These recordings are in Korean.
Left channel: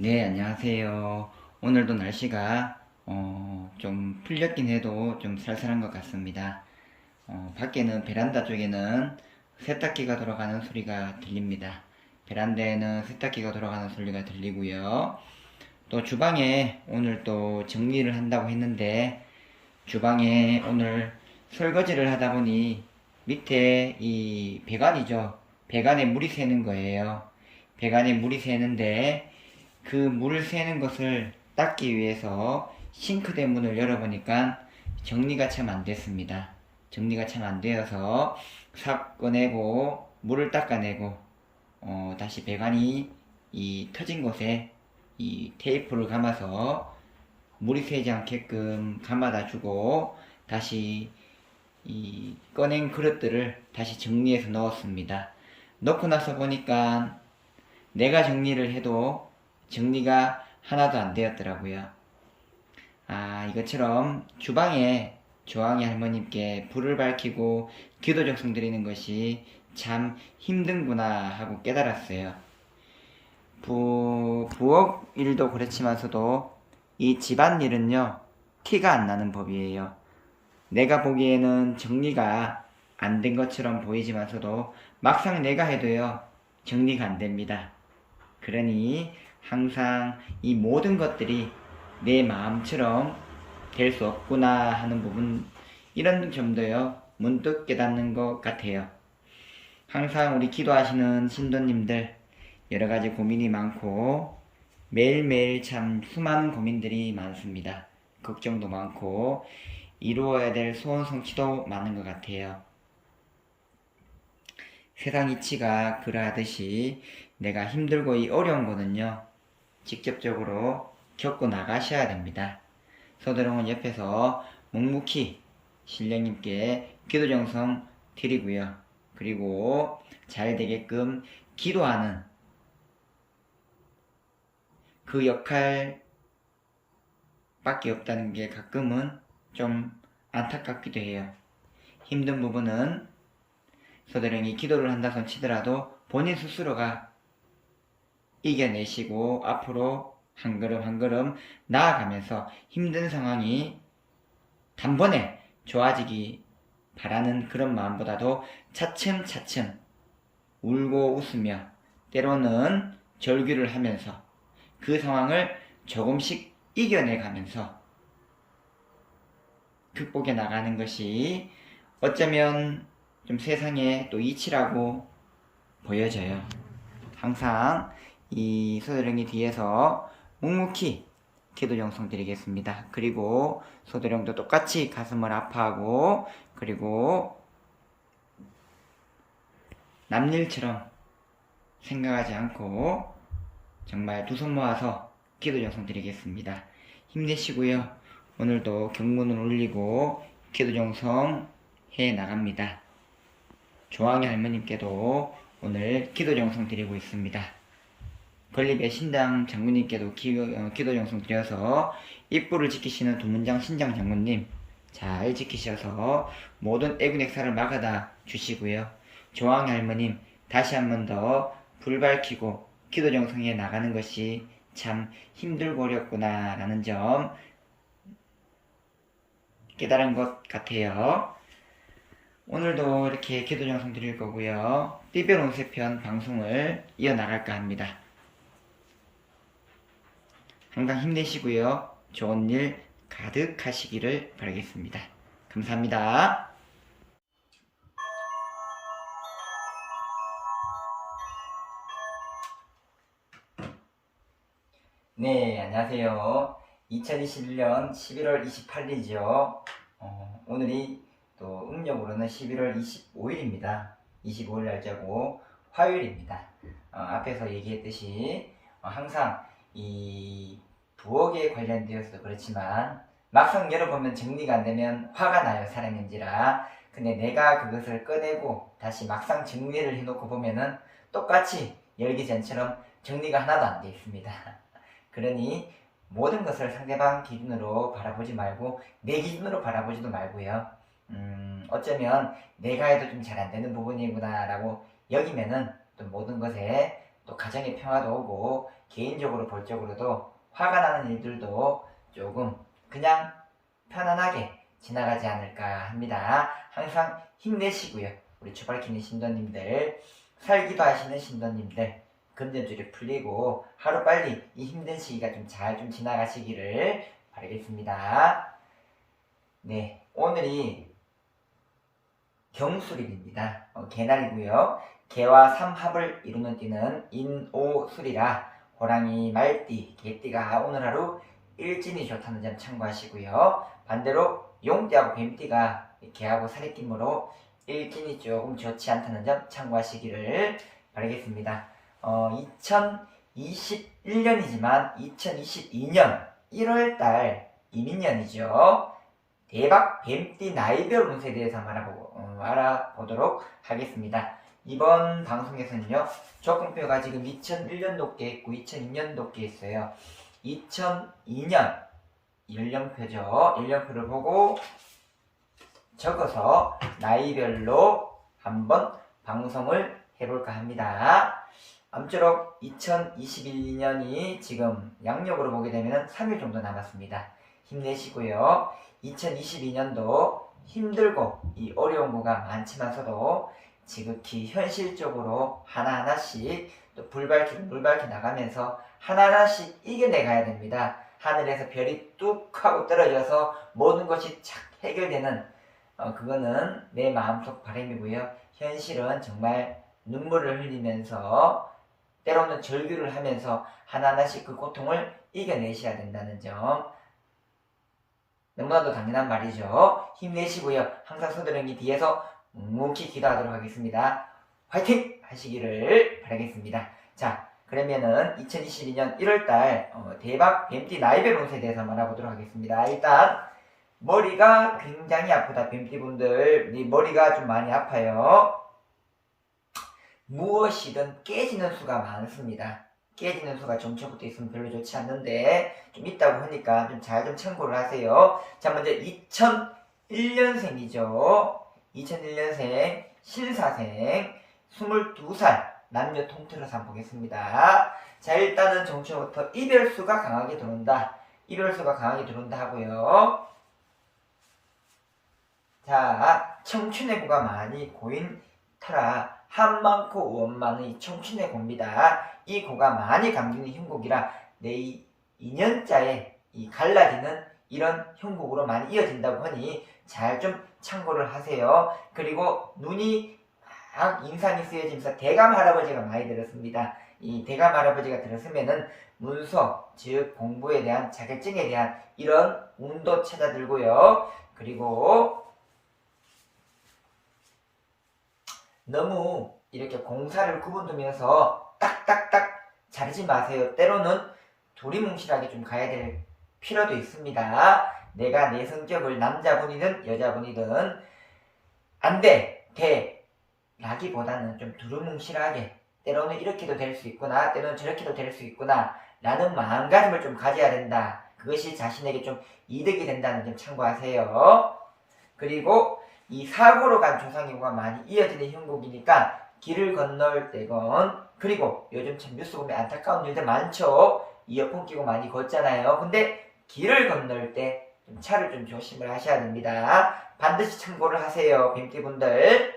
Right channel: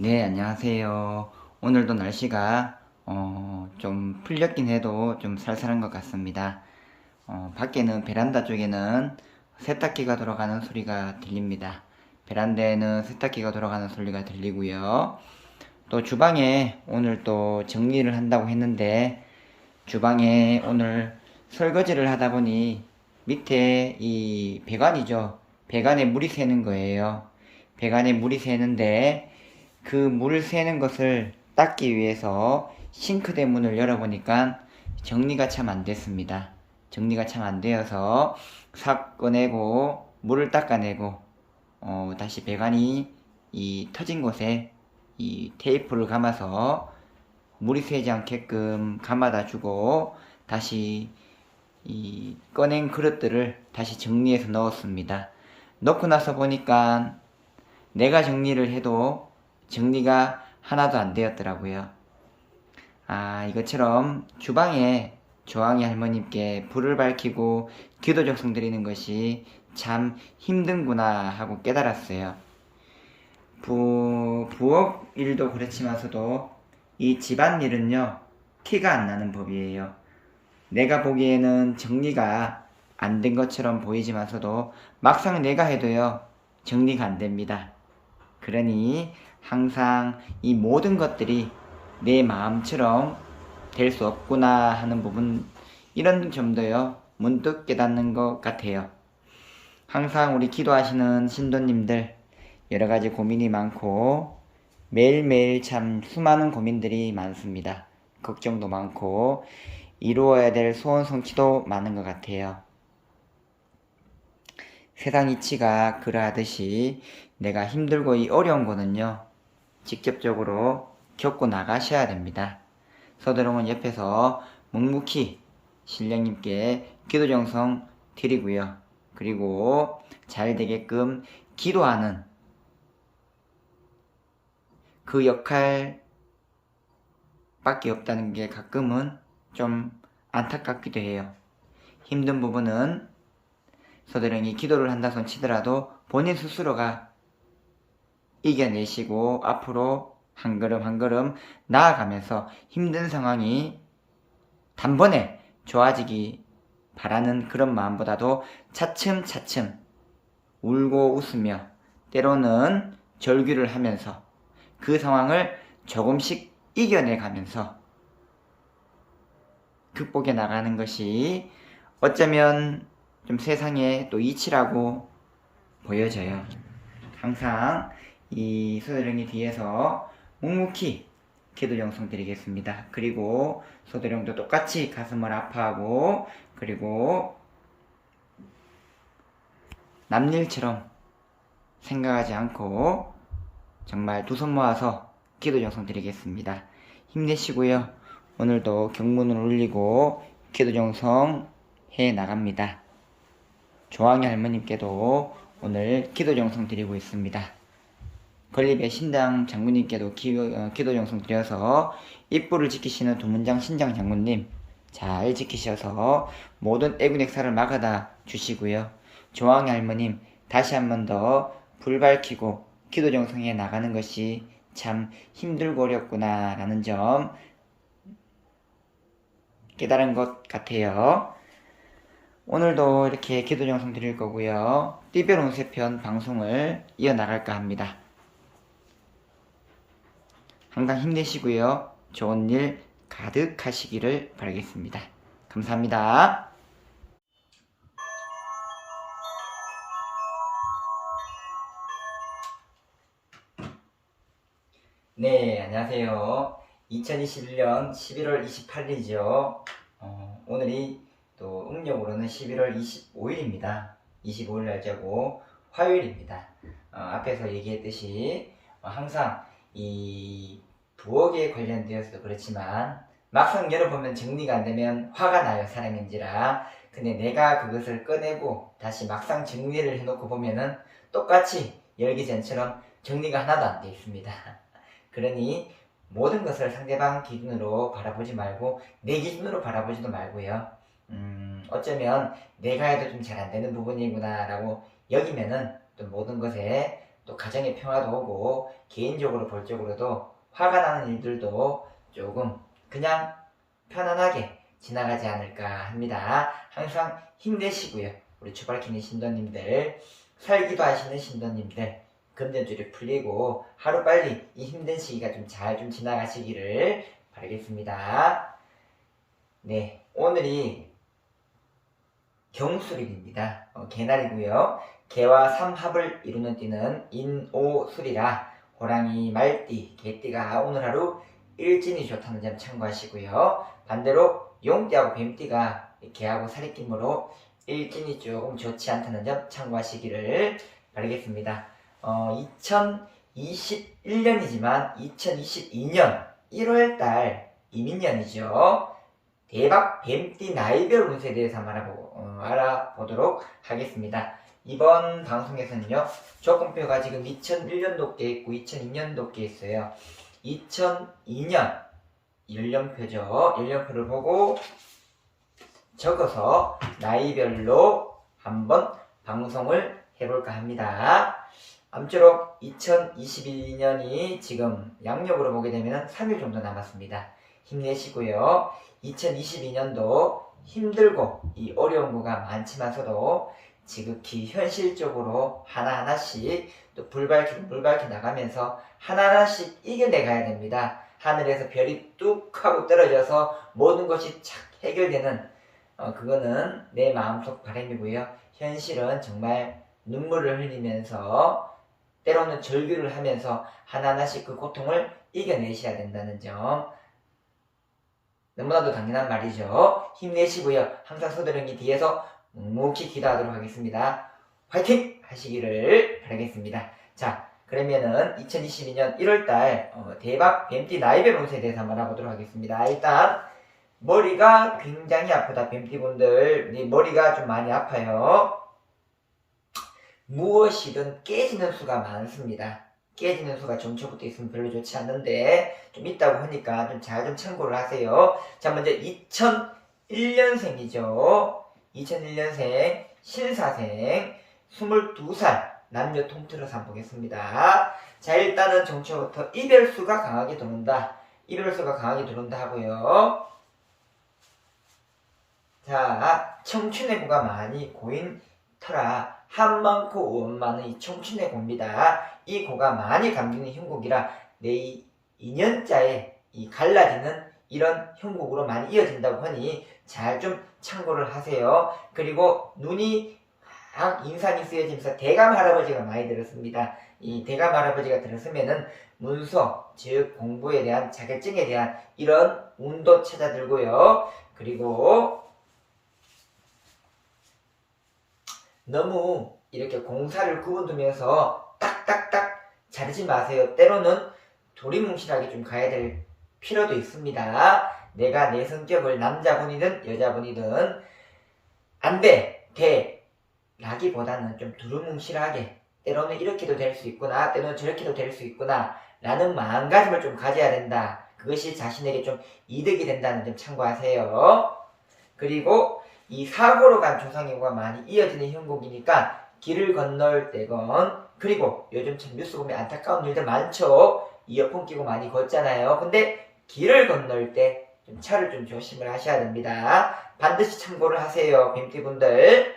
네, 안녕하세요. 오늘도 날씨가 좀 풀렸긴 해도 좀 쌀쌀한 것 같습니다. 밖에는 베란다 쪽에는 세탁기가 돌아가는 소리가 들립니다. 베란다에는 세탁기가 돌아가는 소리가 들리고요. 또 주방에 오늘 또 정리를 한다고 했는데 주방에 오늘 설거지를 하다 보니 밑에 이 배관이죠. 배관에 물이 새는 거예요. 배관에 물이 새는데 그 물 새는 것을 닦기 위해서 싱크대 문을 열어보니까 정리가 참 안 됐습니다. 정리가 참 안 되어서 싹 꺼내고 물을 닦아내고 다시 배관이 이 터진 곳에 이 테이프를 감아서 물이 새지 않게끔 감아다 주고 다시 이 꺼낸 그릇들을 다시 정리해서 넣었습니다. 넣고 나서 보니까 내가 정리를 해도 정리가 하나도 안 되었더라고요. 이것처럼 주방에 조항이 할머님께 불을 밝히고 기도 적성 드리는 것이 참 힘든구나 하고 깨달았어요. 부엌 일도 그렇지만서도 이 집안일은요, 티가 안 나는 법이에요. 내가 보기에는 정리가 안 된 것처럼 보이지만서도 막상 내가 해도요, 정리가 안 됩니다. 그러니 항상 이 모든 것들이 내 마음처럼 될 수 없구나 하는 부분, 이런 점도요, 문득 깨닫는 것 같아요. 항상 우리 기도하시는 신도님들, 여러 가지 고민이 많고, 매일매일 참 수많은 고민들이 많습니다. 걱정도 많고, 이루어야 될 소원 성취도 많은 것 같아요. 세상 이치가 그러하듯이 내가 힘들고 이 어려운 거는요, 직접적으로 겪고 나가셔야 됩니다. 서도롱은 옆에서 묵묵히 신령님께 기도 정성 드리고요. 그리고 잘 되게끔 기도하는 그 역할밖에 없다는 게 가끔은 좀 안타깝기도 해요. 힘든 부분은 서도령이 기도를 한다 손 치더라도 본인 스스로가 이겨내시고 앞으로 한 걸음 한 걸음 나아가면서 힘든 상황이 단번에 좋아지기 바라는 그런 마음보다도 차츰차츰 울고 웃으며 때로는 절규를 하면서 그 상황을 조금씩 이겨내가면서 극복해 나가는 것이 어쩌면 좀 세상에 또 이치라고 보여져요. 항상 이 소도령이 뒤에서 묵묵히 기도 정성 드리겠습니다. 그리고 소도령도 똑같이 가슴을 아파하고 그리고 남일처럼 생각하지 않고 정말 두 손 모아서 기도 정성 드리겠습니다. 힘내시고요. 오늘도 경문을 올리고 기도 정성 해 나갑니다. 조항이 할머님께도 오늘 기도 정성 드리고 있습니다. 건립의 신당 장군님께도 기도 정성 드려서 입구를 지키시는 두문장 신장 장군님 잘 지키셔서 모든 애군 액사를 막아다 주시고요. 조항이 할머님 다시 한 번 더 불 밝히고 기도 정성에 나가는 것이 참 힘들고 어렵구나 라는 점 깨달은 것 같아요. 오늘도 이렇게 기도 정성 드릴 거고요. 띠별 운세편 방송을 이어나갈까 합니다. 항상 힘내시고요. 좋은 일 가득하시기를 바라겠습니다. 감사합니다. 네, 안녕하세요. 2021년 11월 28일이죠. 오늘이 또 음력으로는 11월 25일입니다. 25일 날짜고 화요일입니다. 앞에서 얘기했듯이 항상 이 부엌에 관련되어서도 그렇지만 막상 열어보면 정리가 안 되면 화가 나요, 사람인지라. 근데 내가 그것을 꺼내고 다시 막상 정리를 해놓고 보면은 똑같이 열기 전처럼 정리가 하나도 안 돼 있습니다. 그러니 모든 것을 상대방 기준으로 바라보지 말고 내 기준으로 바라보지도 말고요. 어쩌면 내가 해도 좀 잘 안 되는 부분이구나 라고 여기면은 또 모든 것에 또 가정의 평화도 오고 개인적으로 볼적으로도 화가 나는 일들도 조금 그냥 편안하게 지나가지 않을까 합니다. 항상 힘내시고요. 우리 초발키니 신도님들, 살기도 하시는 신도님들, 금전줄이 풀리고 하루빨리 이 힘든 시기가 좀 잘 좀 지나가시기를 바라겠습니다. 네, 오늘이 경술일입니다. 개날이고요. 개와 삼합을 이루는 띠는 인오술이라 호랑이, 말띠, 개띠가 오늘 하루 일진이 좋다는 점 참고하시고요. 반대로 용띠하고 뱀띠가 개하고 살이끼므로 일진이 조금 좋지 않다는 점 참고하시기를 바라겠습니다. 2021년이지만 2022년 1월달 이민년이죠. 대박 뱀띠 나이별 운세에 대해서 알아보도록 하겠습니다. 이번 방송에서는요, 조건표가 지금 2001년도께 있고 2002년도께 있어요. 2002년 연령표죠. 연령표를 보고 적어서 나이별로 한번 방송을 해볼까 합니다. 아무쪼록 2021년이 지금 양력으로 보게 되면 3일 정도 남았습니다. 힘내시고요. 2022년도 힘들고 이 어려운 거가 많지만서도 지극히 현실적으로 하나하나씩 또 불밝히 나가면서 하나하나씩 이겨내가야 됩니다. 하늘에서 별이 뚝 하고 떨어져서 모든 것이 착 해결되는 그거는 내 마음속 바람이고요. 현실은 정말 눈물을 흘리면서 때로는 절규를 하면서 하나하나씩 그 고통을 이겨내셔야 된다는 점 너무나도 당연한 말이죠. 힘내시고요. 항상 서두렁이 뒤에서 묵묵히 기도하도록 하겠습니다. 화이팅! 하시기를 바라겠습니다. 자, 그러면은 2022년 1월달 대박 뱀띠 나이별 운세에 대해서 한번 알아보도록 하겠습니다. 일단 머리가 굉장히 아프다. 뱀띠분들 머리가 좀 많이 아파요. 무엇이든 깨지는 수가 많습니다. 깨지는 수가 정초부터 있으면 별로 좋지 않는데 좀 있다고 하니까 좀 잘 좀 참고를 하세요. 자, 먼저 2001년생이죠. 2001년생 신사생 22살 남녀 통틀어서 한번 보겠습니다. 자, 일단은 정초부터 이별수가 강하게 들어온다. 이별수가 강하게 들어온다 하고요. 자, 청춘의 고가 많이 고인 터라 한 많고 원 많은 이 청춘의 고입니다. 이 고가 많이 감기는 형국이라 내 2년자에 이 갈라지는 이런 형국으로 많이 이어진다고 하니 잘 좀 참고를 하세요. 그리고 눈이 막 인상이 쓰여지면서 대감 할아버지가 많이 들었습니다. 이 대감 할아버지가 들었으면은 문서, 즉 공부에 대한 자격증에 대한 이런 운도 찾아들고요. 그리고 너무 이렇게 공사를 구분두면서 딱딱딱 자르지 마세요. 때로는 도리뭉실하게 좀 가야 될 필요도 있습니다. 내가 내 성격을 남자분이든 여자분이든 안 돼, 돼 라기보다는 좀 두루뭉실하게 때로는 이렇게도 될 수 있구나, 때로는 저렇게도 될 수 있구나 라는 마음가짐을 좀 가져야 된다. 그것이 자신에게 좀 이득이 된다는 점 참고하세요. 그리고 이 사고로 간 조상님과 많이 이어지는 형국이니까 길을 건널 때건 그리고 요즘 참 뉴스 보면 안타까운 일들 많죠. 이어폰 끼고 많이 걷잖아요. 근데 길을 건널 때 좀 차를 좀 조심을 하셔야 됩니다. 반드시 참고를 하세요. 뱀띠분들.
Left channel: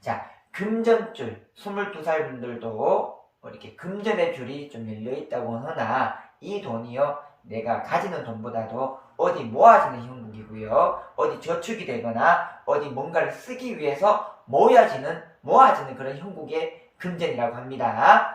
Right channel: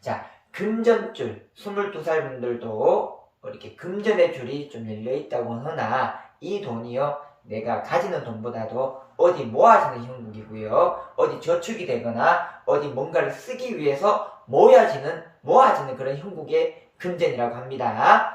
자, 금전줄 22살 분들도 이렇게 금전의 줄이 좀 열려있다고 하나 이 돈이요 내가 가지는 돈보다도 어디 모아지는 형국이고요. 어디 저축이 되거나 어디 뭔가를 쓰기 위해서 모아지는 그런 형국의 금전이라고 합니다.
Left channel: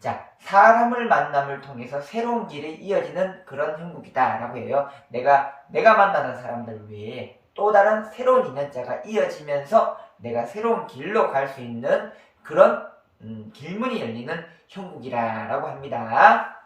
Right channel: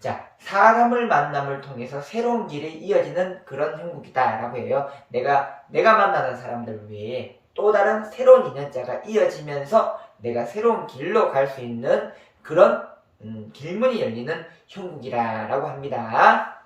자, 사람을 만남을 통해서 새로운 길이 이어지는 그런 형국이다 라고 해요. 내가 만나는 사람들 외에 또 다른 새로운 인연자가 이어지면서 내가 새로운 길로 갈 수 있는 그런 길문이 열리는 형국이라고 합니다.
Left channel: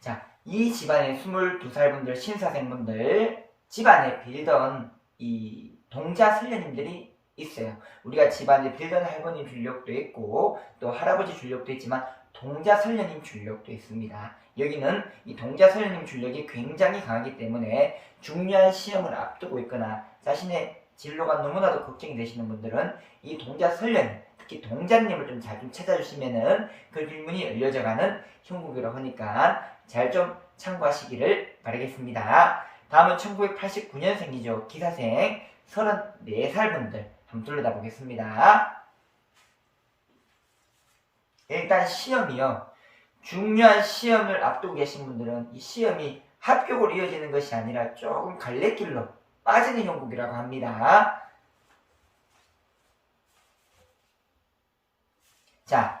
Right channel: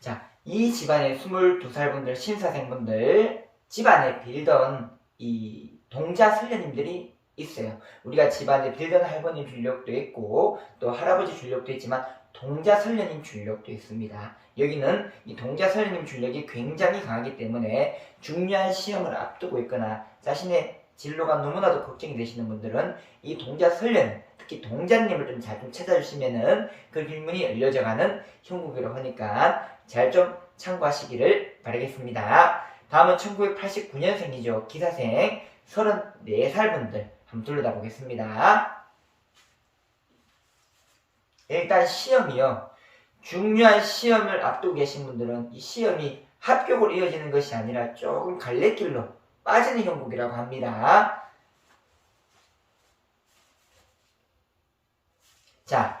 자, 이 집안의 22살 분들, 신사생분들, 집안에 빌던 이 동자 슬녀님들이 있어요. 우리가 집안에 빌던 할머니 줄력도 있고 또 할아버지 줄력도 있지만 동자설녀님 줄력도 있습니다. 여기는 이 동자설녀님 줄력이 굉장히 강하기 때문에 중요한 시험을 앞두고 있거나 자신의 진로가 너무나도 걱정이 되시는 분들은 이 동자설녀님, 특히 동자님을 좀 잘 좀 찾아주시면은 그 길문이 열려져가는 형국이라고 하니까 잘 좀 참고하시기를 바라겠습니다. 다음은 1989년생이죠. 기사생 34살 분들 한번 둘러다 보겠습니다. 일단 시험이요. 중요한 시험을 앞두고 계신 분들은 이 시험이 합격으로 이어지는 것이 아니라 조금 갈래길로 빠지는 형국이라고 합니다. 자,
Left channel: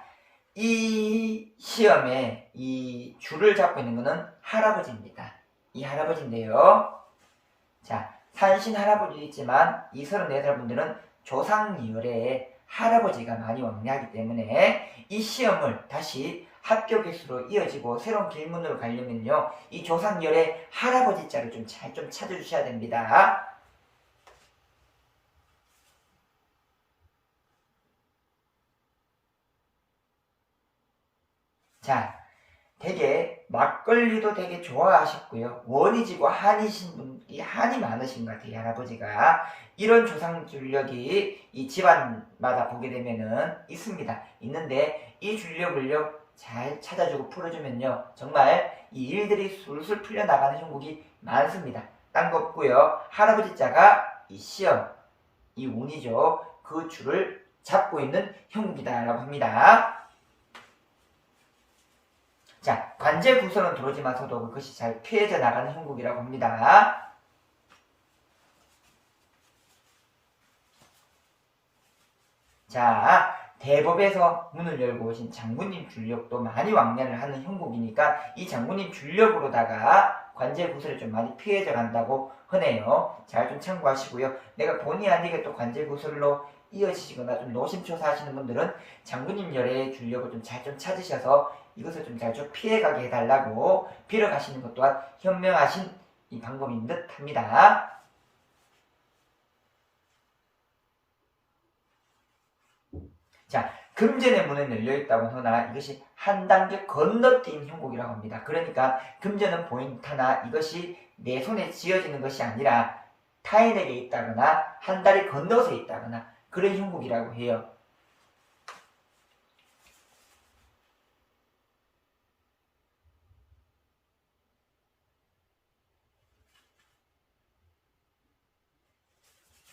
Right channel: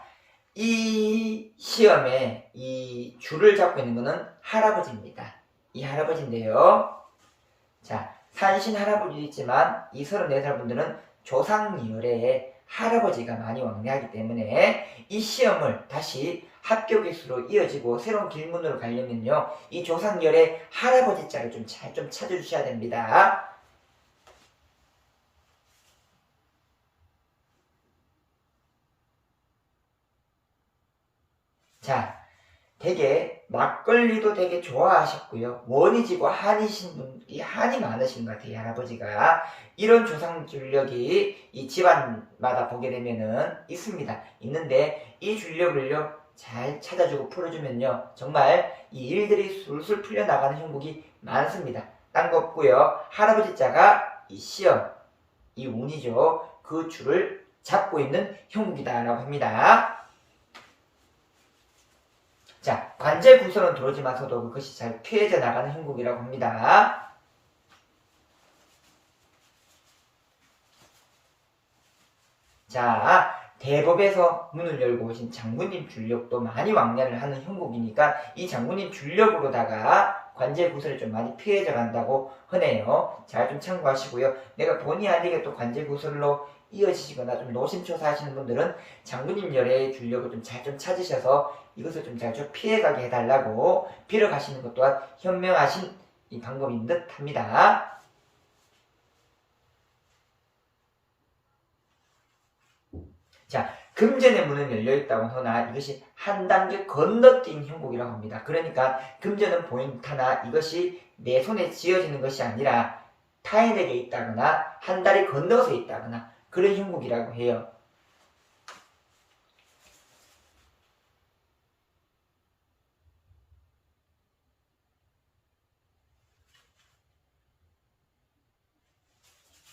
이 시험에 이 줄을 잡고 있는 것은 할아버지입니다. 이 할아버지인데요. 자, 산신 할아버지도 있지만 이 34살 분들은 조상열에 할아버지가 많이 왕래하기 때문에 이 시험을 다시 합격 개수로 이어지고 새로운 길문으로 가려면요. 이 조상열의 할아버지 자를 좀 잘 좀 찾아주셔야 됩니다. 자, 되게 막걸리도 되게 좋아하셨고요. 원이지고 한이신 분, 이 한이 많으신 것 같아요, 할아버지가. 이런 조상 줄력이 이 집안마다 보게 되면은 있습니다. 있는데 이 줄력을요, 잘 찾아주고 풀어주면요, 정말 이 일들이 술술 풀려나가는 형국이 많습니다. 딴 거 없고요. 할아버지 자가 이 시험, 이 운이죠. 그 줄을 잡고 있는 형국이다라고 합니다. 자, 관제 구설은 들어오지만서도 그것이 잘 피해져 나가는 형국이라고 합니다. 자, 대법에서 문을 열고 오신 장군님 줄력도 많이 왕래를 하는 형국이니까 이 장군님 줄력으로다가 관제 구설이 좀 많이 피해져 간다고 하네요. 잘 좀 참고하시고요. 내가 본의 아니게 또 관제 구설로 이어지시거나 좀 노심초사 하시는 분들은 장군님 열의 줄력을 좀 잘 좀 찾으셔서 이것을 좀 잘 좀 피해가게 해달라고 빌어가시는 것 또한 현명하신 이 방법인 듯 합니다. 자, 금전의 문은 열려있다고 하나 이것이 한 단계 건너뛴 형국이라고 합니다. 그러니까 금전은 포인트나 이것이 내 손에 쥐어지는 것이 아니라 타인에게 있다거나 한 달이 건너서 있다거나 그런 형국이라고 해요.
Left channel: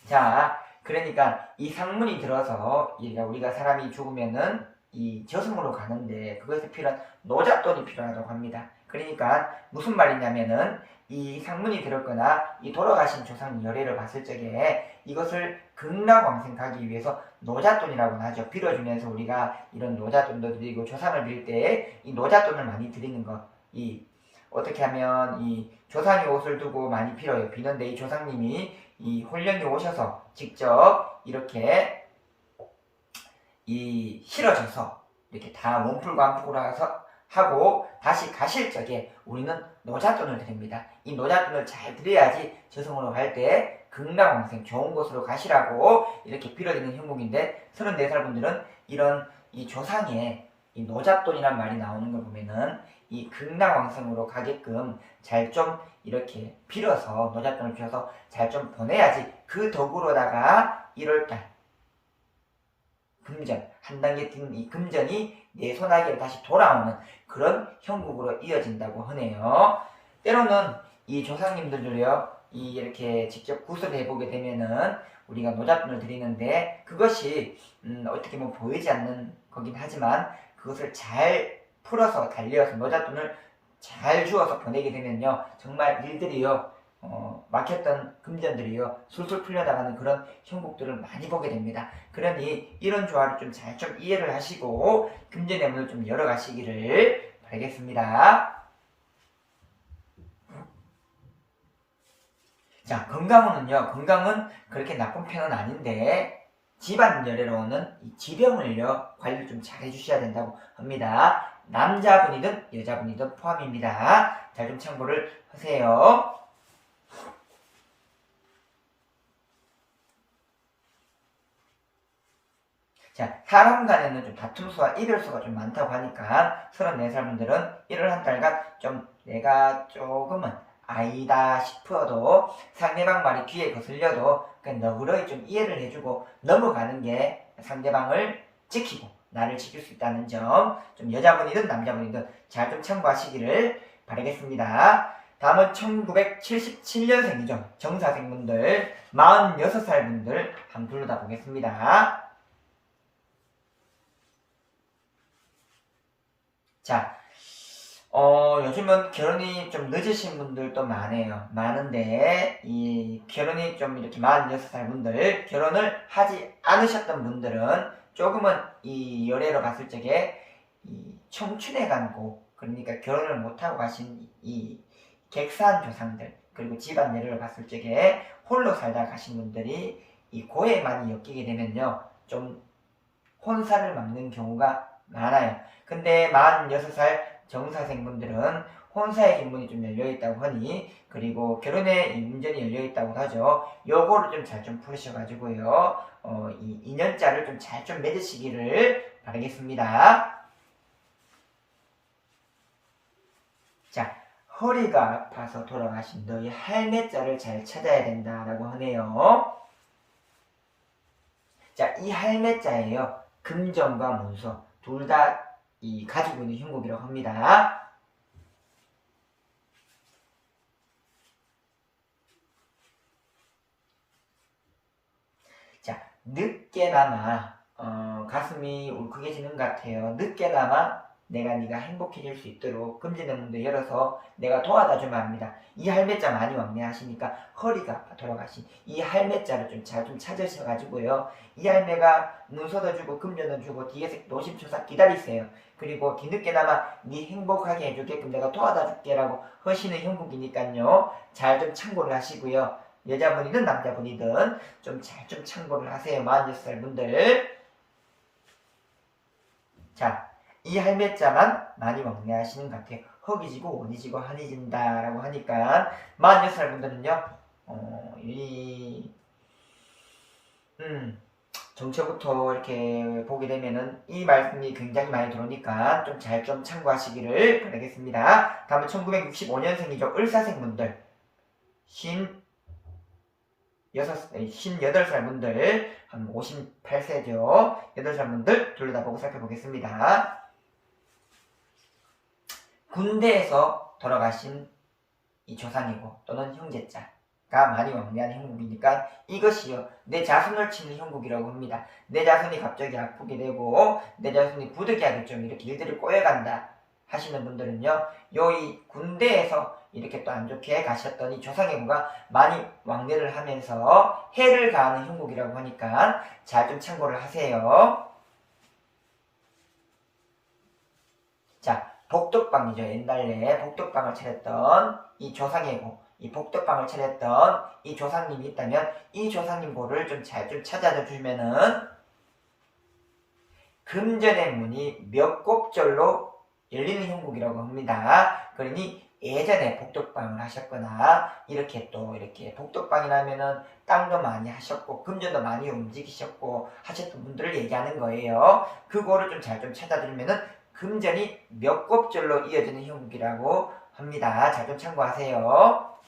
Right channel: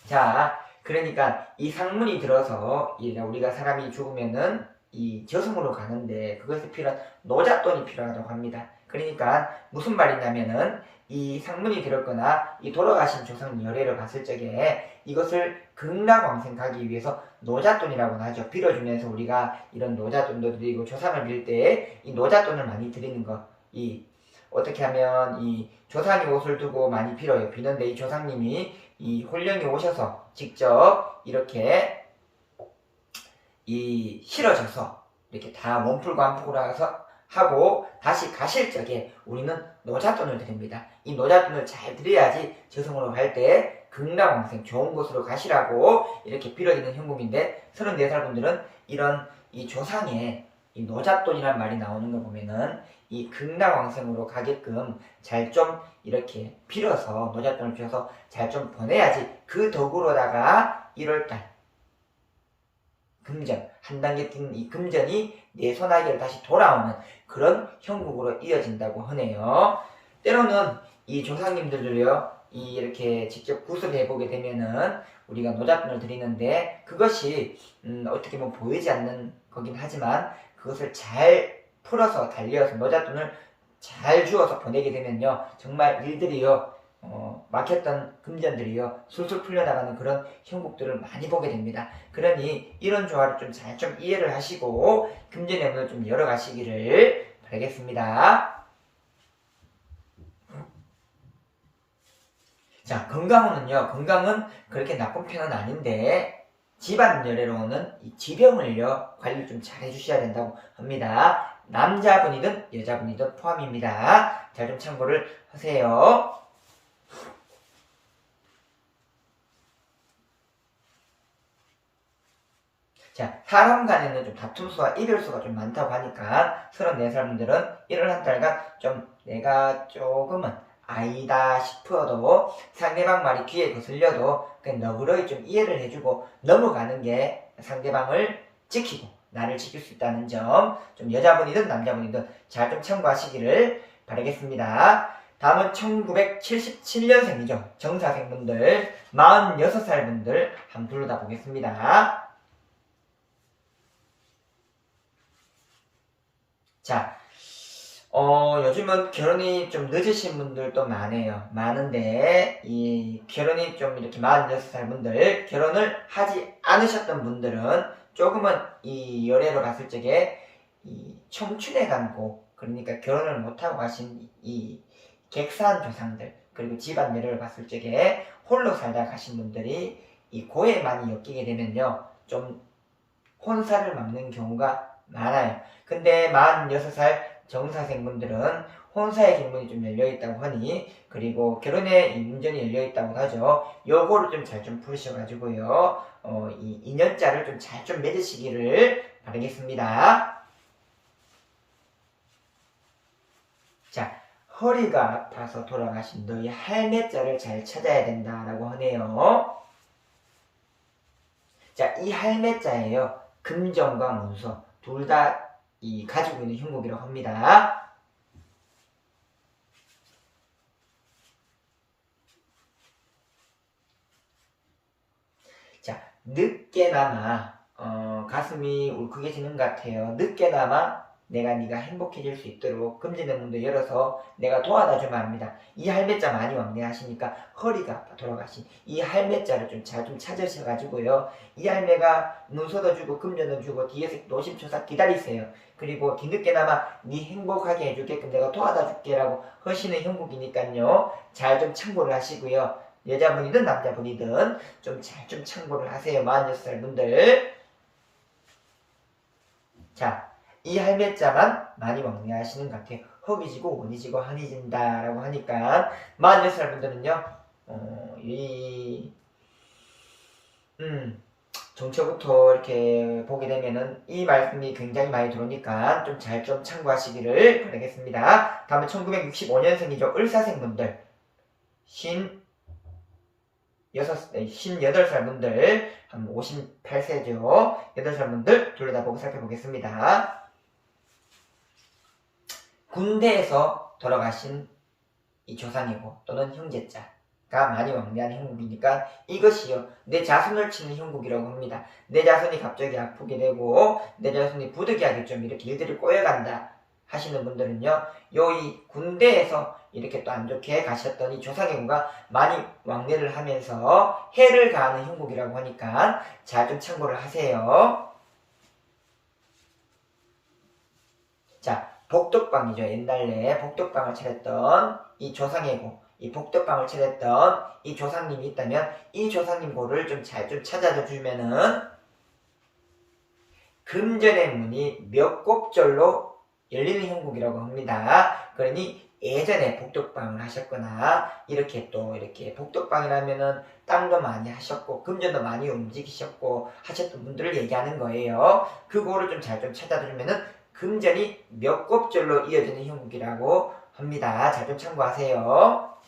자, 그러니까 이 상문이 들어서 우리가 사람이 죽으면은 이 저승으로 가는데 그것에 필요한 노잣돈이 필요하다고 합니다. 그러니까 무슨 말이냐면은 이 상문이 들었거나 이 돌아가신 조상 열애를 봤을 적에 이것을 극락왕생 가기 위해서 노잣돈이라고 하죠. 빌어주면서 우리가 이런 노잣돈도 드리고 조상을 빌 때 이 노잣돈을 많이 드리는 것. 이 어떻게 하면 이 조상의 옷을 두고 많이 빌어요. 비는데 이 조상님이 이 홀령이 오셔서 직접 이렇게 이 실어져서 이렇게 다 몸풀고 안풀고 해서 하고 다시 가실 적에 우리는 노잣돈을 드립니다. 이 노잣돈을 잘 드려야지 저승으로 갈 때 극락왕생 좋은 곳으로 가시라고 이렇게 빌어지는 형국인데 34살 분들은 이런 이 조상의 이 노잣돈이란 말이 나오는 걸 보면은 이 극락왕생으로 가게끔 잘 좀 이렇게 빌어서 노잣돈을 빌어서 잘 좀 보내야지 그 덕으로다가 1월달 금전 한 단계 뛴 이 금전이 내 손아귀로 다시 돌아오는 그런 형국으로 이어진다고 하네요. 때로는 이 조상님들도요 이 이렇게 직접 구슬을 해보게 되면은 우리가 노잣돈을 드리는데 그것이 어떻게 보면 보이지 않는 거긴 하지만 그것을 잘 풀어서 달려서 노잣돈을 잘 주어서 보내게 되면요 정말 일들이요 막혔던 금전들이요 술술 풀려나가는 그런 형국들을 많이 보게 됩니다. 그러니 이런 조화를 좀 잘 좀 이해를 하시고 금전의 문을 좀 열어가시기를 바라겠습니다. 자, 건강운은요, 건강은 그렇게 나쁜 편은 아닌데 집안 열애로는 이 지병을요 관리를 좀 잘 해주셔야 된다고 합니다. 남자분이든 여자분이든 포함입니다. 잘 좀 참고를 하세요. 자, 사람 간에는 좀 다툼수와 이별수가 좀 많다고 하니까 34살 분들은 1월 한 달간 좀 내가 조금은 아니다 싶어도 상대방 말이 귀에 거슬려도 그냥 너그러이 좀 이해를 해주고 넘어가는 게 상대방을 지키고 나를 지킬 수 있다는 점, 좀 여자분이든 남자분이든 잘 좀 참고하시기를 바라겠습니다. 다음은 1977년생이죠. 정사생분들 46살 분들 한번 둘러다 보겠습니다. 자, 요즘은 결혼이 좀 늦으신 분들도 많은데, 이 결혼이 좀 이렇게 46살 분들, 결혼을 하지 않으셨던 분들은 조금은 이 연애로 봤을 적에, 이 청춘에 간고, 그러니까 결혼을 못하고 가신 이 객사한 조상들, 그리고 집안 예를 봤을 적에 홀로 살다 가신 분들이 이 고에 많이 엮이게 되면요, 좀 혼사를 막는 경우가 많아요. 근데 46살 정사생분들은 혼사의 길문이 좀 열려있다고 하니, 그리고 결혼의 문전이 열려있다고 하죠. 요거를 좀 잘 좀 푸셔가지고요, 이 인연자를 좀 잘 좀 맺으시기를 바라겠습니다. 자, 허리가 아파서 돌아가신 너희 할매자를 잘 찾아야 된다라고 하네요. 자, 이 할매자예요. 금전과 문서 둘 다 가지고 있는 형국이라고 합니다. 자, 늦게나마 가슴이 울컥해지는 것 같아요. 늦게나마 내가 네가 행복해질 수 있도록 금지는 문도 열어서 내가 도와다 주면 합니다. 이 할매자 많이 왕래하시니까 허리가 아파 돌아가신 이 할매자를 좀 잘 좀 찾으셔가지고요. 이 할매가 문서도 주고 금전도 주고 뒤에서 노심초사 기다리세요. 그리고 뒤늦게나마 네 행복하게 해주게끔 내가 도와다 줄게라고 하시는 형국이니까요. 잘 좀 참고를 하시고요. 여자분이든 남자분이든 좀 잘 좀 참고를 하세요. 46살 분들. 자, 이 할매자만 많이 왕래하시는 것 같아요. 허기지고 원이지고 한이진다 라고 하니까 46살 분들은요. 정초부터 이렇게 보게 되면은 이 말씀이 굉장히 많이 들어오니까 좀 잘 좀 참고하시기를 바라겠습니다. 다음은 1965년생이죠. 을사생분들 58살 분들, 한 58세죠. 8살 분들 둘러다보고 살펴보겠습니다. 군대에서 돌아가신 이 조상이고 또는 형제자가 많이 왕래한 형국이니까 이것이요. 내 자손을 치는 형국이라고 합니다. 내 자손이 갑자기 아프게 되고 내 자손이 부득이하게 좀 이렇게 일들이 꼬여간다 하시는 분들은요. 이 군대에서 이렇게 또 안 좋게 가셨더니 조상행구가 많이 왕래를 하면서 해를 가하는 형국이라고 하니까 잘 좀 참고를 하세요. 자, 복덕방이죠. 옛날에 복덕방을 차렸던 이 조상행구, 이 복덕방을 차렸던 이 조상님이 있다면 이 조상님 고를 좀 잘 좀 찾아줘 주면은 금전의 문이 몇 곱절로 열리는 형국이라고 합니다. 그러니 예전에 복덕방을 하셨거나 이렇게 또 이렇게 복덕방이라면은 땅도 많이 하셨고 금전도 많이 움직이셨고 하셨던 분들을 얘기하는 거예요. 그거를 좀 잘 좀 찾아들면은 금전이 몇 곱절로 이어지는 형국이라고 합니다. 잘 좀 참고하세요.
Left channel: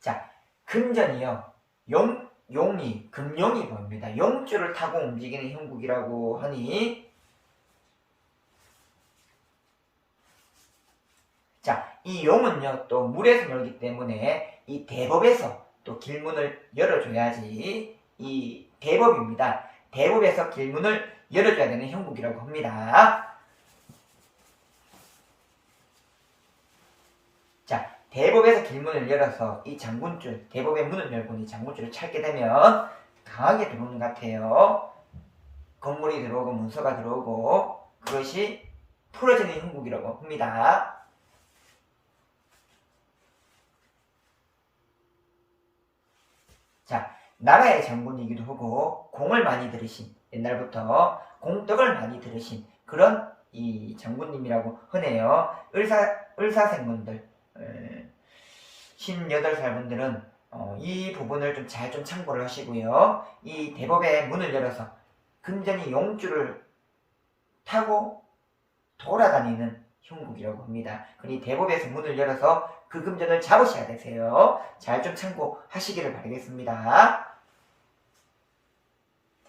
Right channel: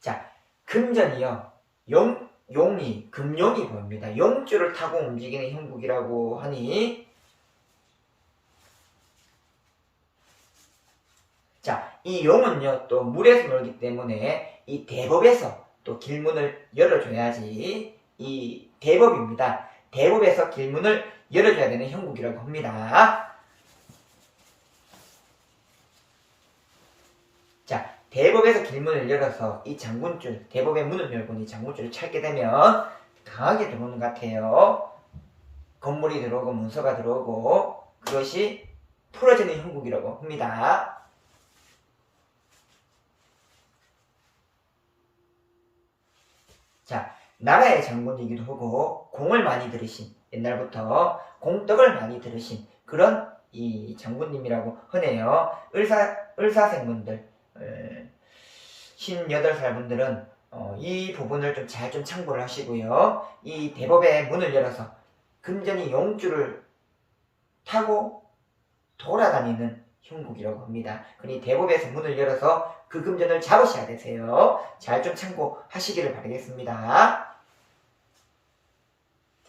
자, 금전이요. 금용이 보입니다. 용줄을 타고 움직이는 형국이라고 하니, 자, 이 용은요, 또 물에서 놀기 때문에 이 대법에서 또 길문을 열어줘야지 이 대법입니다. 대법에서 길문을 열어줘야 되는 형국이라고 합니다. 자, 대법에서 길문을 열어서 이 장군줄, 대법의 문을 열고 이 장군줄을 찾게 되면 강하게 들어오는 것 같아요. 건물이 들어오고 문서가 들어오고 그것이 풀어지는 형국이라고 합니다. 자, 나라의 장군이기도 하고 공을 많이 들으신, 옛날부터 공덕을 많이 들으신 그런 이 장군님이라고 하네요. 을사생분들 58살 분들은 이 부분을 좀 잘 좀 참고를 하시고요. 이 대법의 문을 열어서 금전이 용줄을 타고 돌아다니는 형국이라고 합니다. 그러니 대법에서 문을 열어서 그 금전을 잡으셔야 되세요. 잘 좀 참고하시기를 바라겠습니다.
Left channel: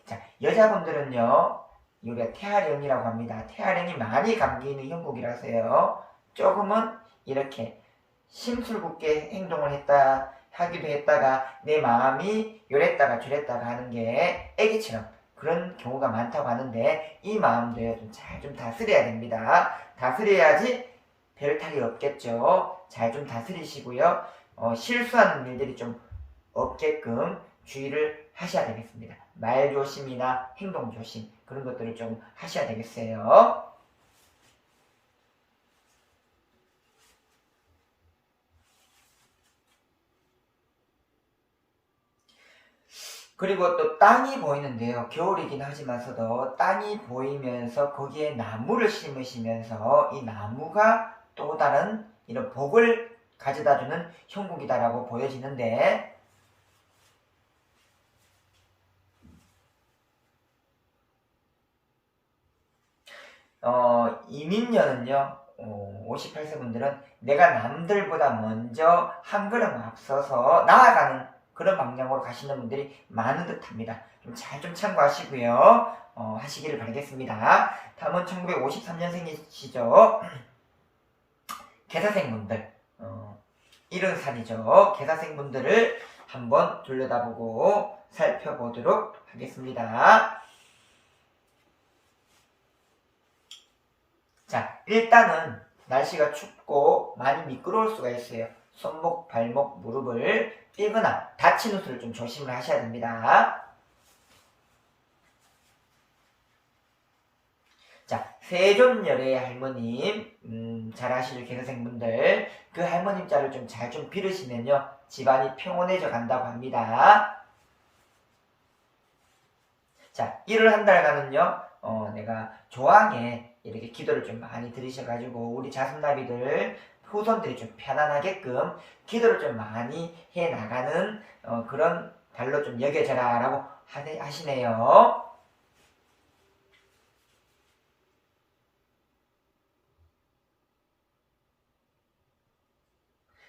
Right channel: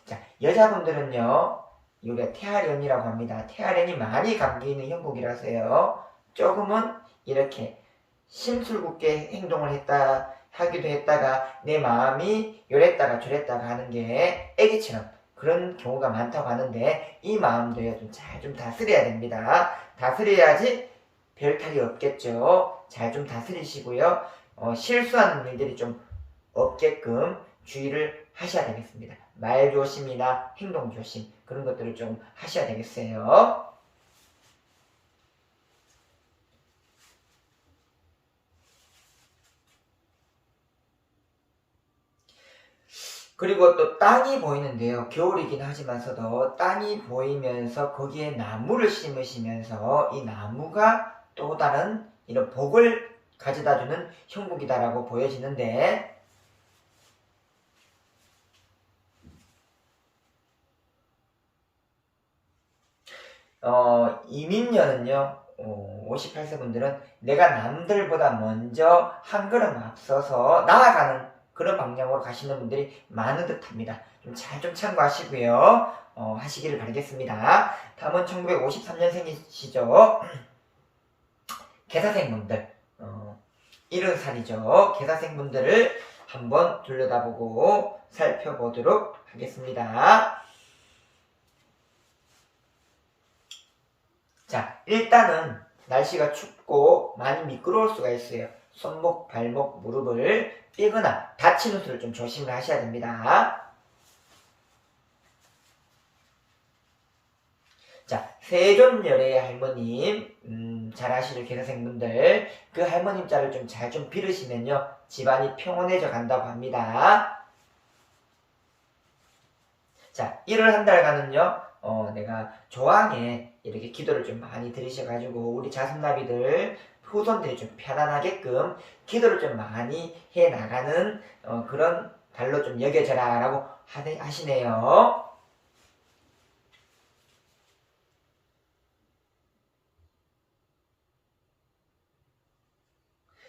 자, 여자분들은요, 우리가 태아령이라고 합니다. 태아령이 많이 감기는 형국이라서요. 조금은 이렇게 심술궂게 행동을 하기도 했다가 내 마음이 요랬다가 저랬다가 하는 게 애기처럼 그런 경우가 많다고 하는데 이 마음도요 좀 잘 좀 다스려야 됩니다. 다스려야지 별 탈이 없겠죠. 잘 좀 다스리시고요. 실수하는 일들이 좀 없게끔 주의를 하셔야 되겠습니다. 말 조심이나 행동 조심 그런 것들을 좀 하셔야 되겠어요. 그리고 또 땅이 보이는데요. 겨울이긴 하지만서도 땅이 보이면서 거기에 나무를 심으시면서 이 나무가 또 다른 이런 복을 가져다주는 형국이다라고 보여지는데 이민년은요. 58세 분들은 내가 남들보다 먼저 한 걸음 앞서서 나아가는 그런 방향으로 가시는 분들이 많은 듯 합니다. 좀 잘 좀 참고하시고요. 하시기를 바라겠습니다. 다음은 1953년생이시죠. 개사생분들. 70살이죠. 개사생분들을 한번 둘러다보고 살펴보도록 하겠습니다. 자, 일단은 날씨가 춥고 많이 미끄러울 수가 있어요. 손목, 발목, 무릎을 삐거나 다치는 수를 좀 조심을 하셔야 됩니다. 자, 세존열의 할머님, 잘 아시는 개사생분들, 그 할머님 자를 좀 잘 좀 빌으시면요, 집안이 평온해져 간다고 합니다. 자, 1월 한 달간은요, 내가 조항에 이렇게 기도를 좀 많이 들으셔가지고, 우리 자손나비들, 후손들이 좀 편안하게끔 기도를 좀 많이 해 나가는 그런 달로 좀 여겨져라 라고 하시네요.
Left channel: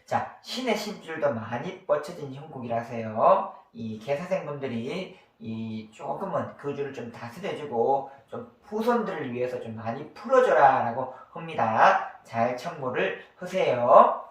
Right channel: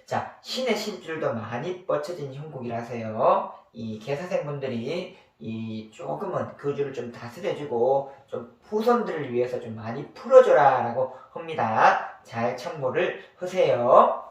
자, 신의 심줄도 많이 뻗쳐진 형국이라서요. 이 개사생분들이 이 조금은 그 줄을 좀 다스려주고 좀 후손들을 위해서 좀 많이 풀어줘라 라고 합니다. 잘 참고를 하세요.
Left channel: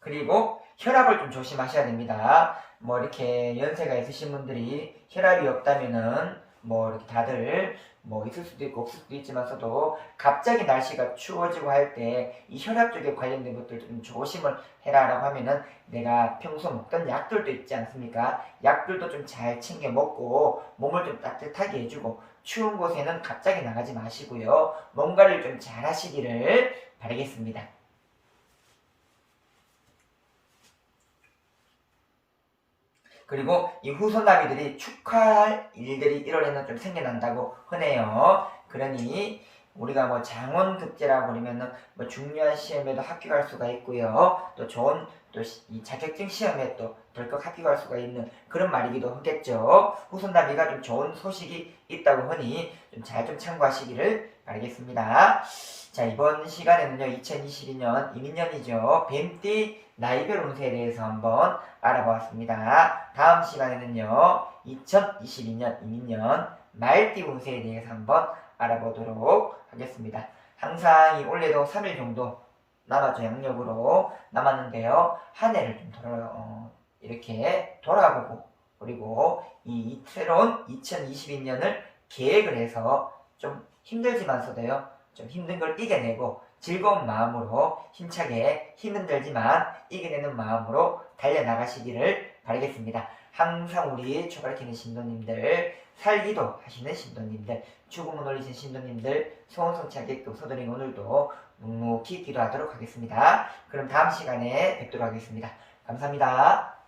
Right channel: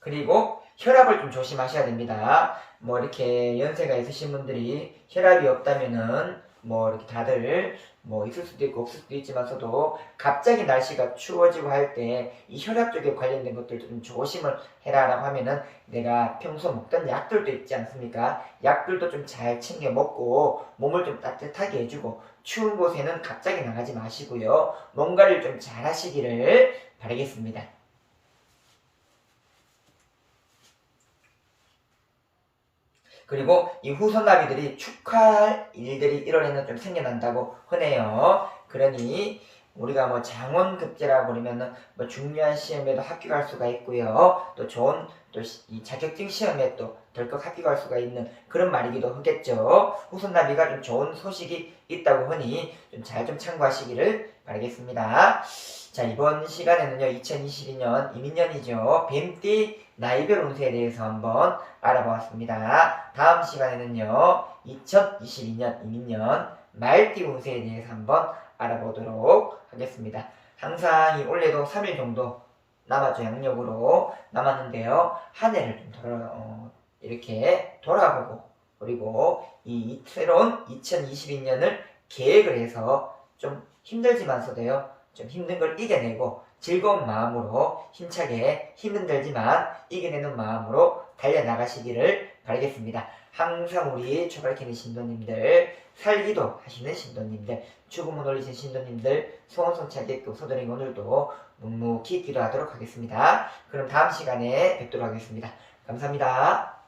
그리고 혈압을 좀 조심하셔야 됩니다. 뭐 이렇게 연세가 있으신 분들이 혈압이 없다면은 뭐 이렇게 다들 뭐 있을 수도 있고 없을 수도 있지만서도 갑자기 날씨가 추워지고 할 때 이 혈압 쪽에 관련된 것들도 좀 조심을 해라라고 하면은 내가 평소 먹던 약들도 있지 않습니까? 약들도 좀 잘 챙겨 먹고 몸을 좀 따뜻하게 해주고 추운 곳에는 갑자기 나가지 마시고요. 뭔가를 좀 잘 하시기를 바라겠습니다. 그리고 이 후손나비들이 축하할 일들이 1월에는 좀 생겨난다고 하네요. 그러니 우리가 뭐 장원급제라고 그러면은 뭐 중요한 시험에도 합격할 수가 있고요. 또 좋은 또 이 자격증 시험에 또 덜컥 합격할 수가 있는 그런 말이기도 하겠죠. 후손나비가 좀 좋은 소식이 있다고 하니 좀 잘 좀 참고하시기를 바라겠습니다. 자, 이번 시간에는요, 2022년 이민년이죠. 뱀띠 나이별 운세에 대해서 한번 알아보았습니다. 다음 시간에는요, 2022년 이민년 말띠 운세에 대해서 한번 알아보도록 하겠습니다. 항상 이 올해도 3일 정도 남았죠. 양력으로 남았는데요. 한 해를 좀 이렇게 돌아보고 그리고 이 새로운 2022년을 계획을 해서 좀 힘들지만서도요. 좀 힘든 걸 이겨내고 즐거운 마음으로 힘차게 힘은 들지만 이겨내는 마음으로 달려나가시기를 바라겠습니다. 항상 우리 초발키는 신도님들, 살기도 하시는 신도님들, 죽음을 올리신 신도님들 소원 성취하게끔 서두링 오늘도 묵묵히 기도하도록 하겠습니다. 그럼 다음 시간에 뵙도록 하겠습니다. 감사합니다.